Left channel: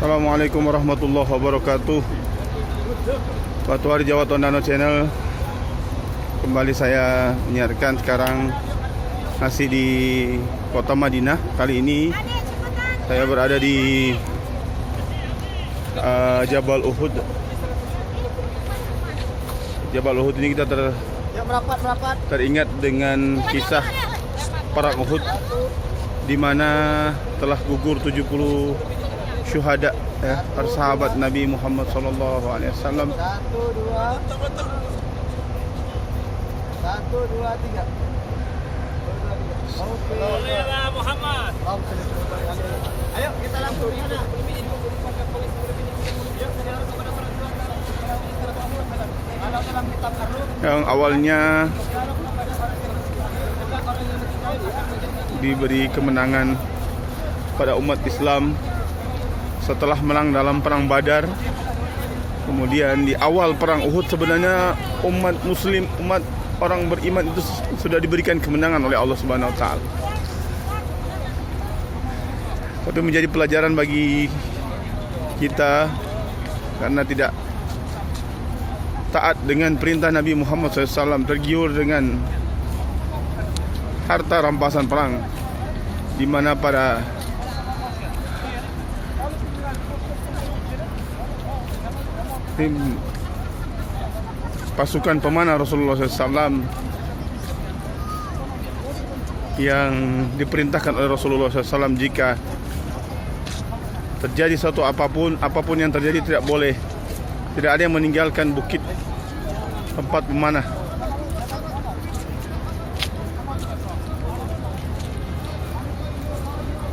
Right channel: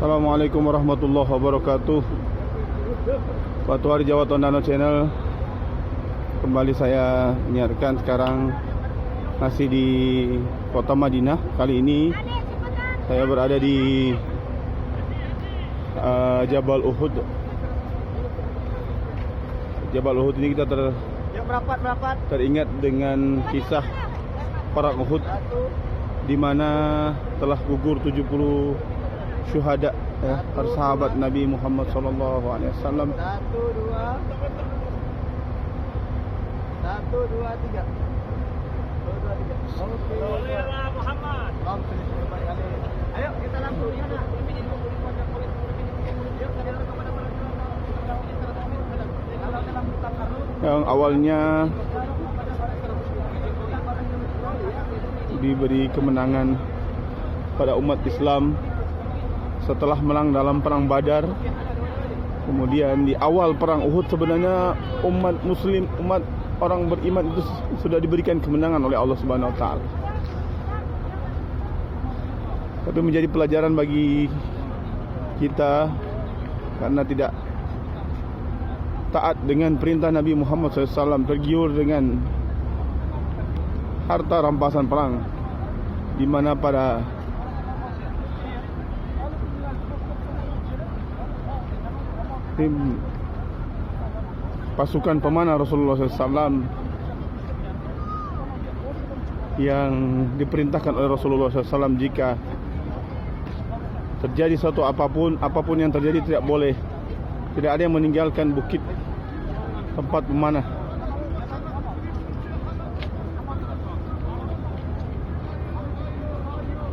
Assalamualaikum warahmatullahi wabarakatuh. Batu Hari Jawa Tondano Channel. Kembali saya menyiarkan sekarang masih di kota Madinah. Kali ini saya berada di Jabal Uhud. Jabal Uhud ini kita teringat dengan kisah perang Uhud, di mana telah gugur 70 syuhada, ya, para sahabat Nabi Muhammad sallallahu alaihi wasallam. 1, 2, 3. Bolehlah Muhammad. Ayo kita langsung sana. Yang awalnya diberi kemenangan pada umat Islam setelah menang dalam perang Badar. Kemudian di awal perang Uhud sebenarnya umat muslim, umat orang beriman itu sudah diberikan kemenangan oleh Allah Subhanahu wa taala. Tapi menjadi pelajaran bagi kita karena tidak taat dengan perintah Nabi Muhammad SAW, tergiur dengan harta rampasan perang, di mana pada tim pasukan pemanah Rasulullah SAW yang diperintahkan oleh Rasulullah SAW, jika terjadi suatu apapun yang terjadi, tidak ada yang meninggalkan bukit tempat pemanah.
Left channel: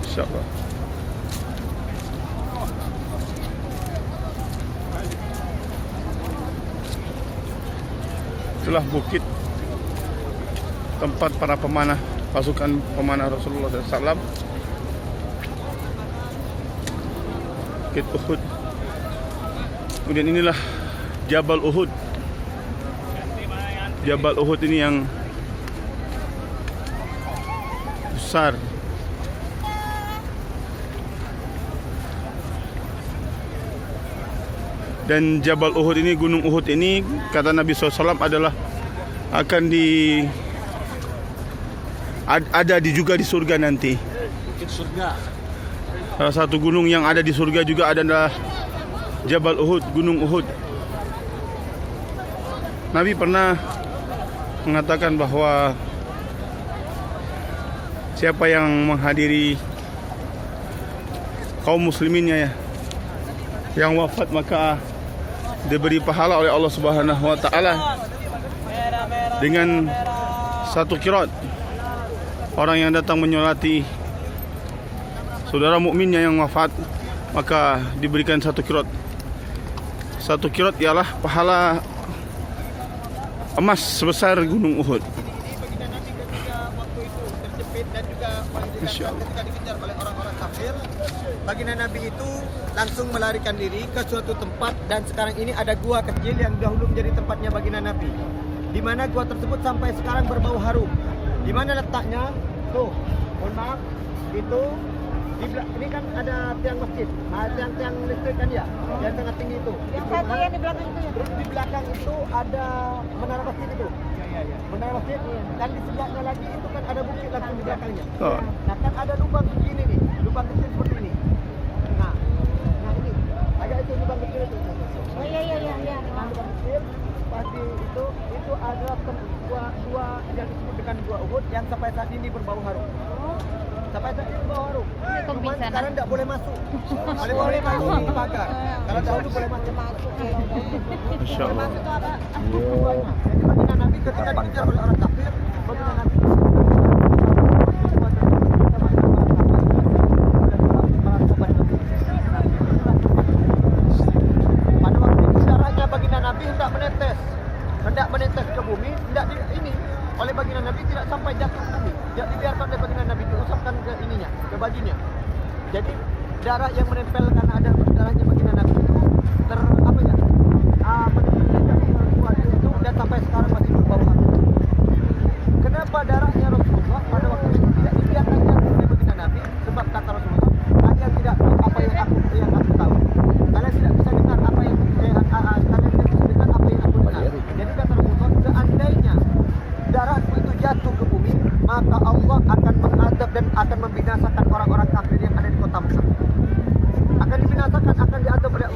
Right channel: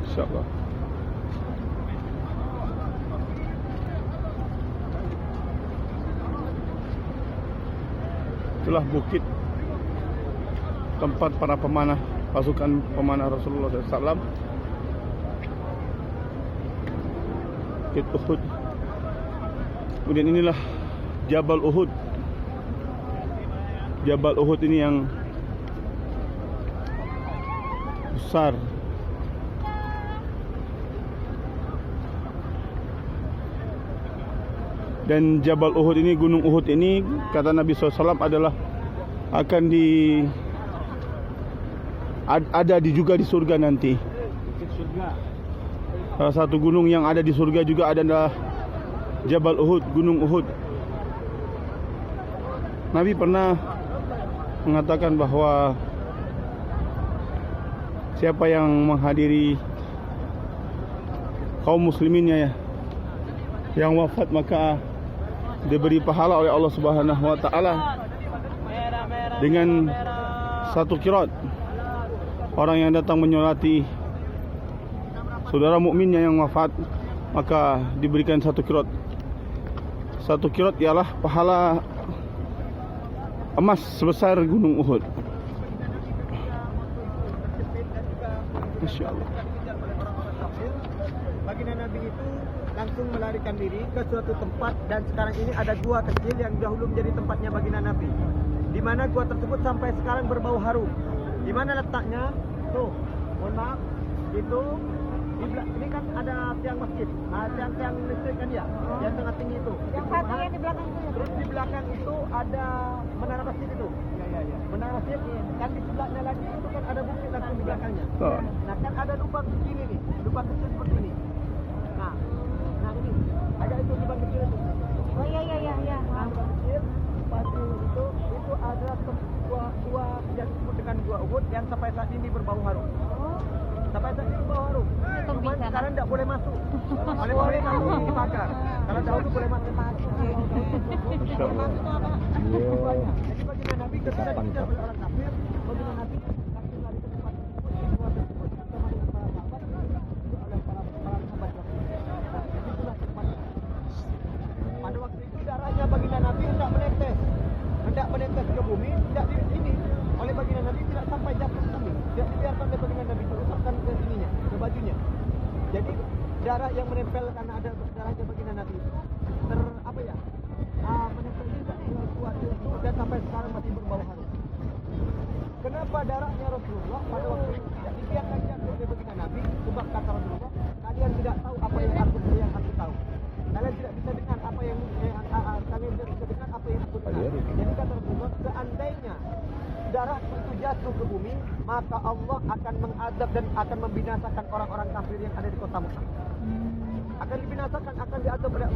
InsyaAllah. Itulah bukit tempat para pemanah, pasukan pemanah Rasulullah SAW. Bukit Uhud. Kemudian inilah Jabal Uhud. Jabal Uhud ini yang besar. Dan Jabal Uhud ini, Gunung Uhud ini, kata Nabi SAW adalah akan ada juga di surga nanti. Bukit surga. Salah satu gunung yang ada di surga juga adalah Jabal Uhud, Gunung Uhud. Nabi pernah mengatakan bahwa siapa yang menghadiri kaum musliminnya, yang wafat, maka diberi pahala oleh Allah Subhanahu wa taala dengan 1 qiraat. Orang yang datang menyolati saudara mukminnya yang wafat, maka diberikan 1 qiraat. 1 qiraat ialah pahala emas sebesar Gunung Uhud. Insyaallah. Ketika dikejar oleh orang-orang kafir, baginda Nabi itu langsung melarikan diri ke suatu tempat, dan sekarang ini ada gua kecil yang dahulu menjadi tempatnya baginda Nabi, di mana gua tersebut sampai sekarang berbau harum. Di mana letaknya? Tuh, mohon maaf, itu ini kan ada tiang masjid, tiang listrik kan ya, yang sangat tinggi itu. Yang satu yang di belakang itu. Terus di belakang itu ada menara masjid itu. Menara masjid, kan di sebelahnya lagi itu kan ada bukit langsung di belakangnya. Oh. Nah kan ada lubang begini nih, lubang kecil seperti ini. Nah ini ada itu lubang kecil itu. Oh iya. Nah, lubang kecil pasti itu ada dua yang disebut dengan dua Uhud yang sampai saat ini berbau harum. Oh, Sampai saat ini berbau harum. Cuman bisa, sekarang tidak boleh masuk. Kalau boleh masuk masuk. di pagar. Kalau dahulu boleh masuk. Insyaallah. Itu apa? Tujuannya. Jadi baginda Nabi ketika dikejar oleh orang kafir, baginda Nabi pada waktu itu darahnya baginda Nabi hendak menetes ke bumi, tidak ini oleh baginda Nabi tidak sampai jatuh ke bumi, tidak dibiarkan oleh baginda Nabi, diusapkan ke ininya, ke bajunya. Jadi darah yang menempel karena ada darahnya baginda Nabi itu menempel ke wajah itu, dan sampai sekarang masih berbau harum. Kenapa darahnya Rasulullah pada waktu itu tidak dibiarkan jatuh oleh baginda Nabi? Sebab kata Rasulullah, kalian tidak tahu apa yang aku tahu.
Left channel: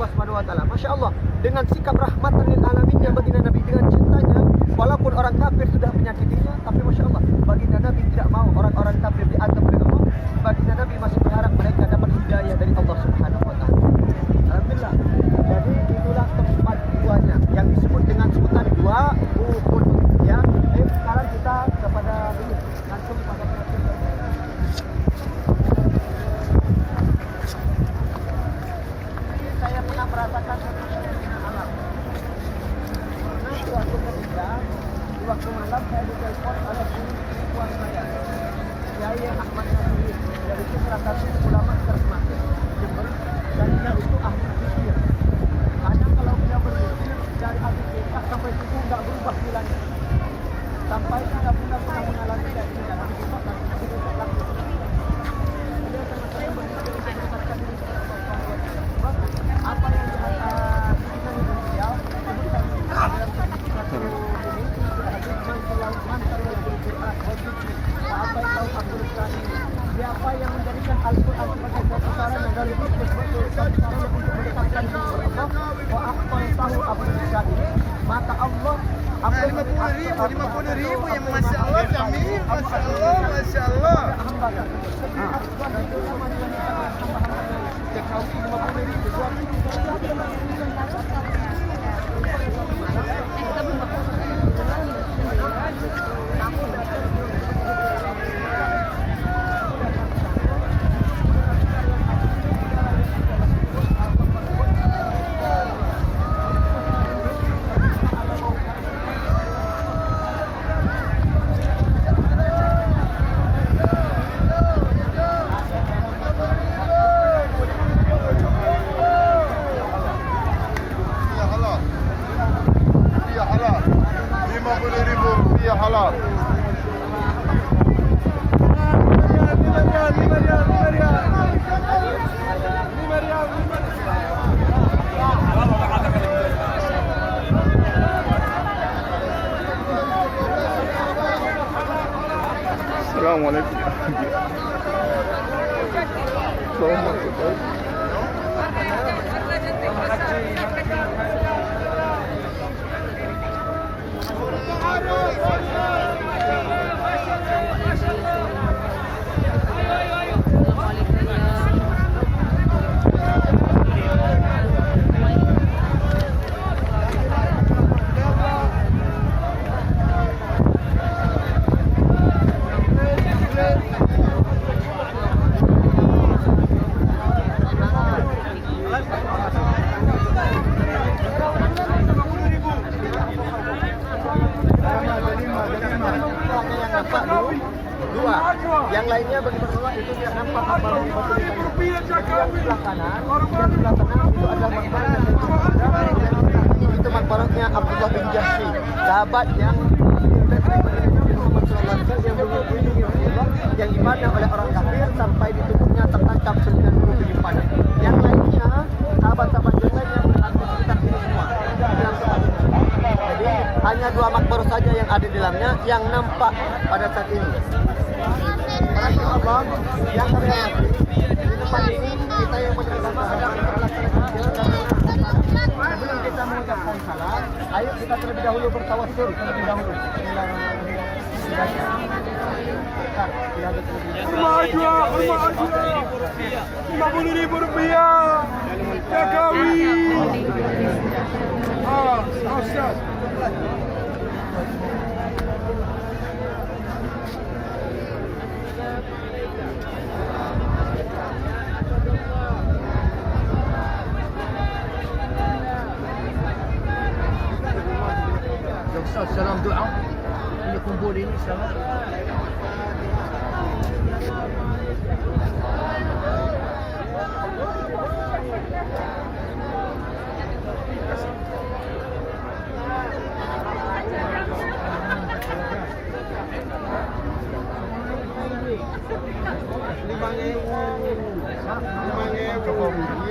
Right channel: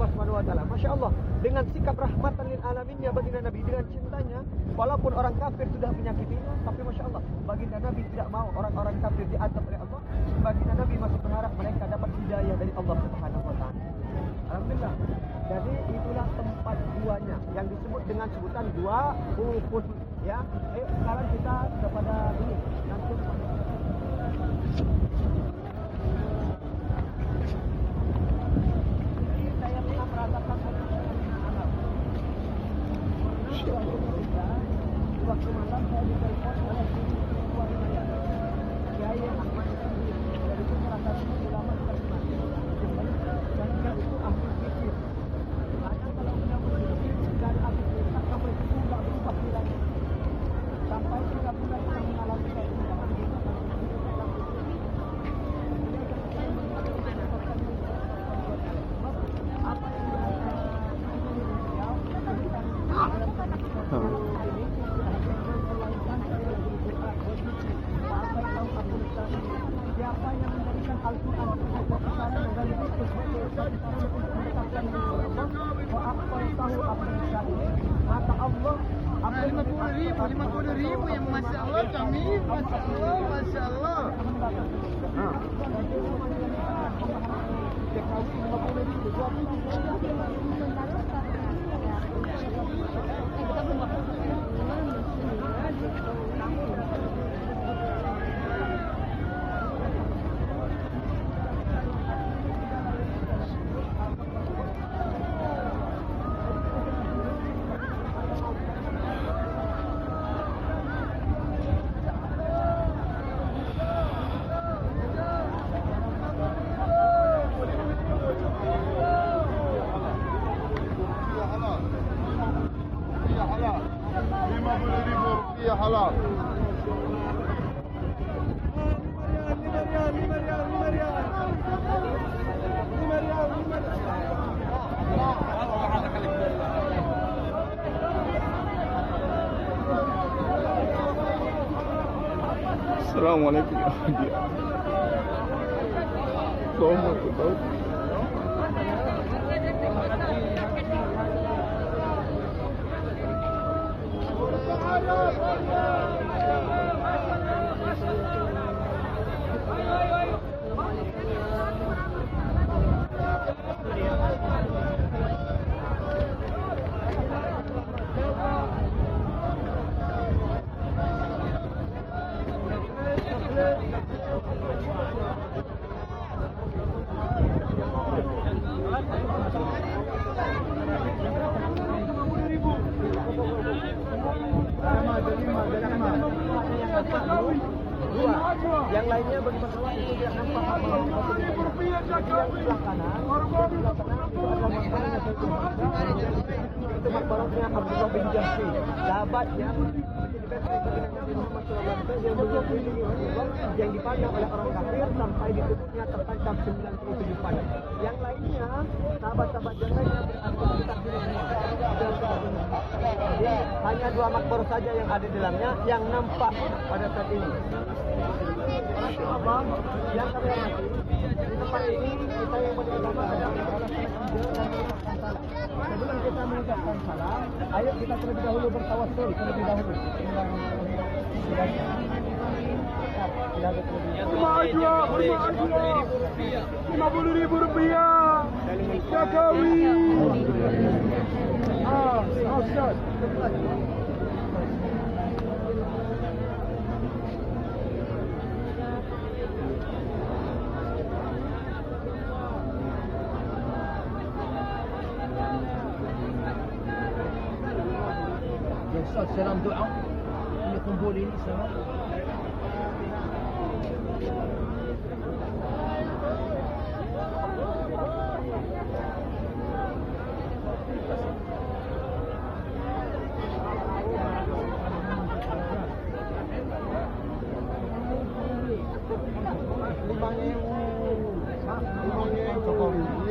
Allah Subhanahu wa taala. Masya Allah, dengan sikap rahmatan lil alaminnya baginda Nabi, dengan cintanya, walaupun orang kafir sudah menyakitinya, tapi Masya Allah, baginda Nabi tidak mau orang-orang kafir diazab oleh Allah. Baginda Nabi masih berharap mereka dapat hidayah dari Allah Subhanahu wa taala. Alhamdulillah. Jadi itulah tempat duanya yang disebut dengan sebutan dua Uhud ya. Sekarang kita kepada ini langsung pada perhatian. Saya pernah merasakan satu fenomena alam. Pernah suatu ketika di waktu malam saya ditelepon oleh guru spiritual saya, Kiai Ahmad Nasir, yaitu salah satu ulama terkemuka Jember, dan dia itu ahli zikir. Kadang kalau beliau berzikir dari habis isya sampai subuh nggak berubah bilangnya. Sampai saya pernah mengalami kayak ini dan habis isya langsung berubah lagi. Beliau sama-sama berzikir untuk mendekatkan diri kepada Allah Subhanahu wa taala. Sebab apa yang di atas kita ini beliau sebutkan dalam satu ini hadis apa yang tahu Abdul Sani, siapa yang menjadikan Al-Quran sebagai satu sarana dan zikir sebagai satu sarana untuk mendekatkan diri kepada Allah, apa yang tahu Abdul Sani, maka Allah 50.000 yang Masya Allah kami, Masya Allah, Masya Allah hamba kan Akbar itu nama diwanitakan hamba-hamba Jekawi 50.000 halal. Assalamualaikum. yang nampak dua, yang lainnya bagi bertolak itu tidak nampak makbar yang tulisannya. Jadi yang sebelah kanan itu adalah makbar yang itu makbarnya Abdullah bin Jahsy, sahabat yang Nabi Muhammad SAW yang melindungi Rasulullah, yang dipandang oleh orang kafir sampai di tubuhnya tertangkap 97 panah. Yang lainnya, sahabat-sahabat yang lainnya berada di sekitar sini semua. Jadi hanya dua makbar saja yang ada di dalamnya yang nampak pada saat ini. Para Allah yang kami hormati, di tempat ini kita yang bersama ada melaksanakan kecil dan sebelum kita mengucapkan salam, ayo kita terlebih dahulu bertawassul terlebih dahulu. Ustaz, salam doa. Ini kumpul ini salam.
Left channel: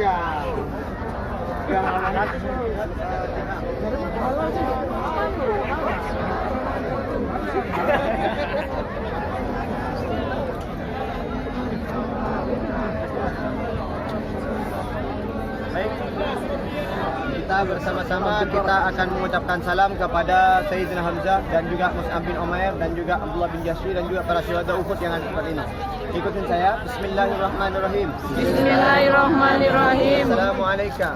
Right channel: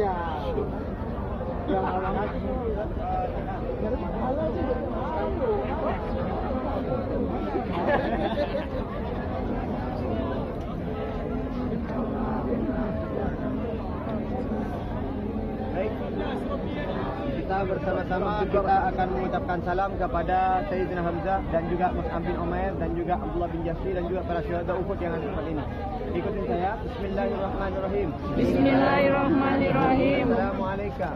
Iya. Yang alamat halal juga. Baik. Kita bersama-sama kita akan mengucapkan salam kepada Sayyidina Hamzah dan juga Mus'ab bin Umair dan juga Abdullah bin Jahsy dan juga para syuhada Uhud yang ada di tempat ini. Ikutin saya. Bismillahirrahmanirrahim. Bismillahirrahmanirrahim. Assalamualaikum.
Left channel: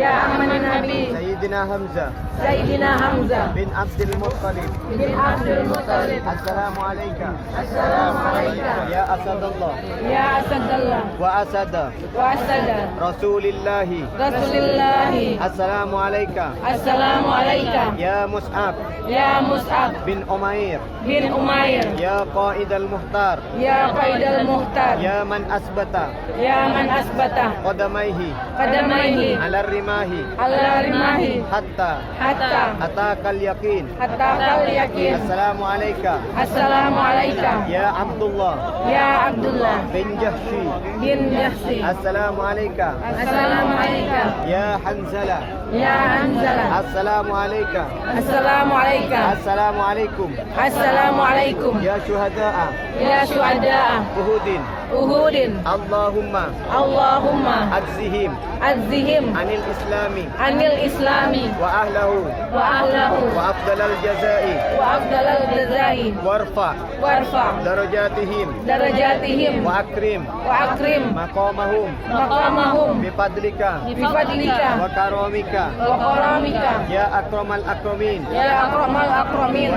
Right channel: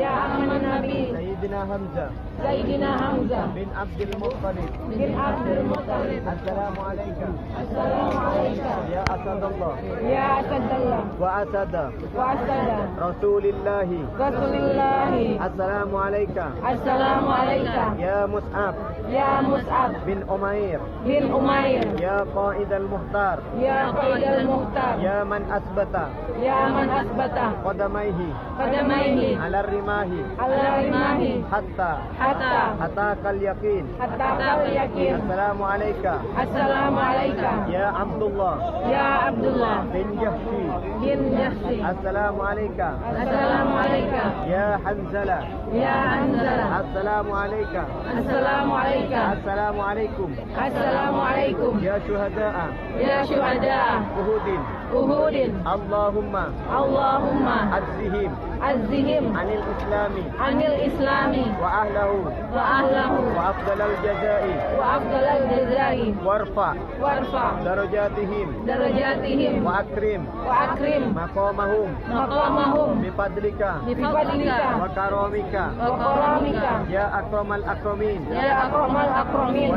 Ya amanin Nabi. Sayyidina Hamzah Sayyidina Hamzah bin Abdul Muttalib. bin Abdul Muttalib. Assalamualaikum. Assalamualaikum. Ya Asadullah Ya Asadallah wa Asada wa Asada Rasulillahi. Rasulillahi. Assalamualaikum. Assalamualaikum. Ya Mus'ab Ya Mus'ab bin Umair. bin Umair. Ya Qaid al-Muhtar. Ya Qaidal Muhtar. Ya man asbata Ya man asbata qadamaihi qadamaihi ala rimahi ala rimahi hatta hatta atakal yaqin. kal yakin. Assalamualaikum. Assalamualaikum. Ya Abdullah Ya Abdullah bin Jahsy. bin Jahsy. Assalamualaikum. Assalamualaikum. Ya Hanzalah. Ya Hanzalah. Assalamualaikum. Assalamualaikum. Assalamualaikum. Assalamualaikum. Ya syuhada'a Ya syuhada'a Uhudin. Uhudin. Allahumma Allahumma adzihim azihim anil islami anil islami wa ahlahu wa ahlahu wa afdalal jazai wa afdalal jazai warfa warfa darajatihim darajatihim wa akrim maqamahum maqamahum bifadlika bifadlika wa karamika wa karamika ya akramal akramin ya akramal akramin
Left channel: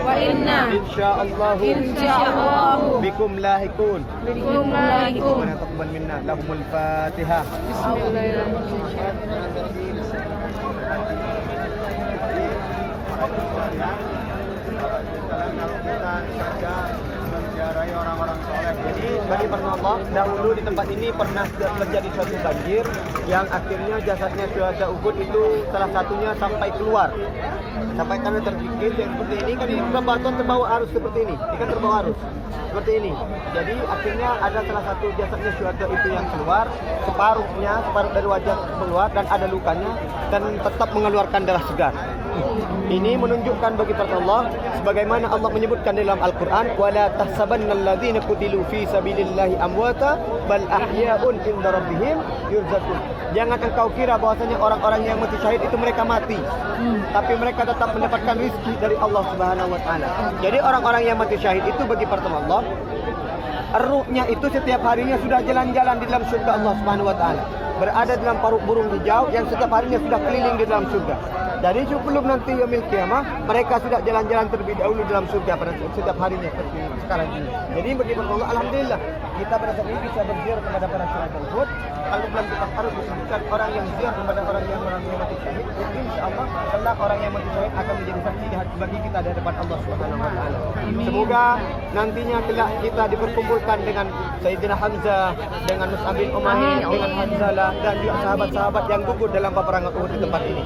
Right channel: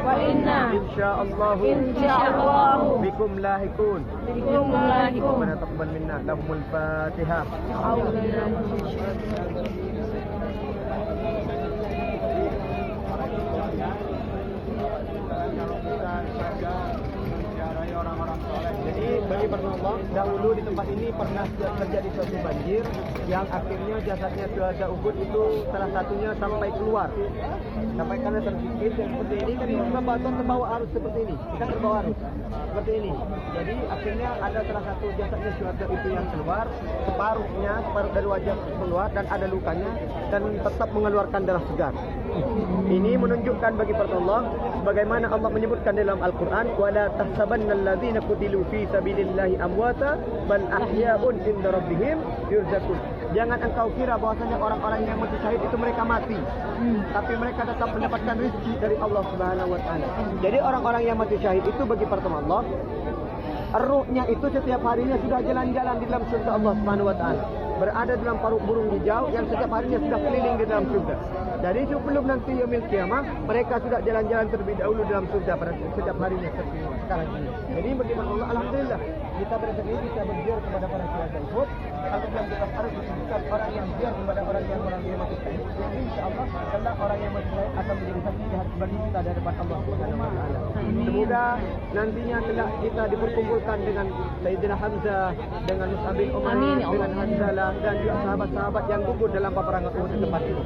wa inna insyaallah bikum lahikun. bikum lahikum. Rabbana taqabbal minna. Lahumul Fatihah. Jadi bagi para Allah, dahulu di tempat ini pernah terjadi suatu banjir yang akhirnya jasadnya syuhada Uhud itu salah satunya sampai keluar. Sampai karena tergigit yang seperti ini kan ini bebatuan terbawa arus seperti ini. Ini kan terbawa arus seperti ini. Jadi akhirnya ada salah satu jasadnya syuhada itu yang keluar, separuh dari wajah keluar dan ada lukanya dan tetap mengeluarkan darah segar. Ini menunjukkan bagi para Allah sebagaimana Allah menyebutkan dalam Al-Qur'an wala tahsabannal ladzina qutilu fi sabilillahi amwata bal ahya'un inda rabbihim yurzaqun. Jangan engkau kira bahwasanya orang-orang yang mati syahid itu mereka mati, tapi mereka tetap mendapatkan rezeki dari Allah Subhanahu wa taala. Jadi orang-orang yang mati syahid itu bagi para Allah, ruhnya itu setiap harinya sudah jalan-jalan di dalam surga Allah Subhanahu wa taala. Berada dalam paruk burung hijau yang setiap harinya sudah keliling di dalam surga. Dari sebelum nanti yaumil qiyamah, mereka sudah jalan-jalan terlebih dahulu dalam surga pada setiap harinya seperti sekarang ini. Jadi bagi Allah, alhamdulillah kita pada saat ini bisa berziarah kepada para syuhada Uhud. Kalau dalam kitab harus disebutkan orang yang ziarah kepada orang yang mati syahid, insyaallah kelak orang yang mati syahid akan menjadi saksi bagi kita di hadapan Allah Subhanahu wa taala. Semoga nantinya kelak kita diperkumpulkan dengan Sayyidina Hamzah, dengan Mus'ab bin Umair, dengan Hanzalah dan juga sahabat-sahabat yang gugur dalam peperangan Uhud di tempat ini.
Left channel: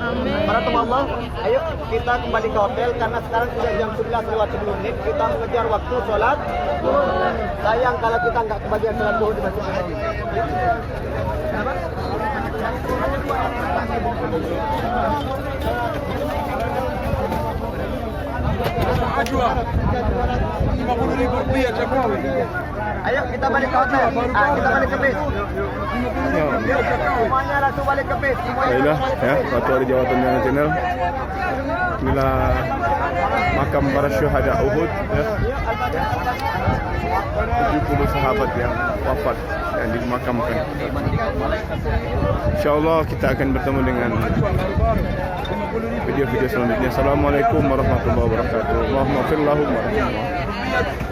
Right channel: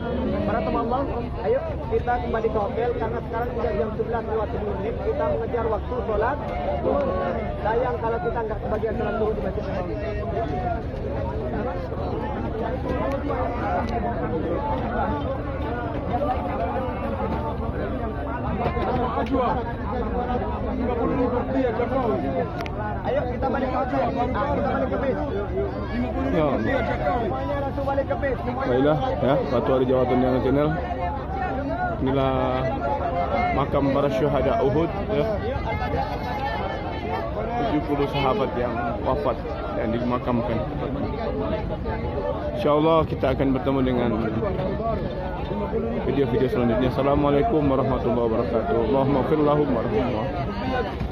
Para teman Allah, ayo kita kembali ke hotel karena sekarang sudah jam 11 lewat 10 menit. Kita mengejar waktu sholat. Sayang kalau kita nggak kebagian sholat zuhur di Masjid Nabawi. Kenapa? Ayo kita balik ke hotel. Kita balik ke bis. Ya. Semuanya langsung balik ke bis. Baiklah ya, Batu Ari Jawa Tengah Channel. Inilah makam para syuhada Uhud ya. 70 sahabat yang wafat yang dimakamkan. Insyaallah kita akan bertemu dengan video-video selanjutnya. Assalamualaikum warahmatullahi wabarakatuh. Allahumma fir lahum warahmatullahi.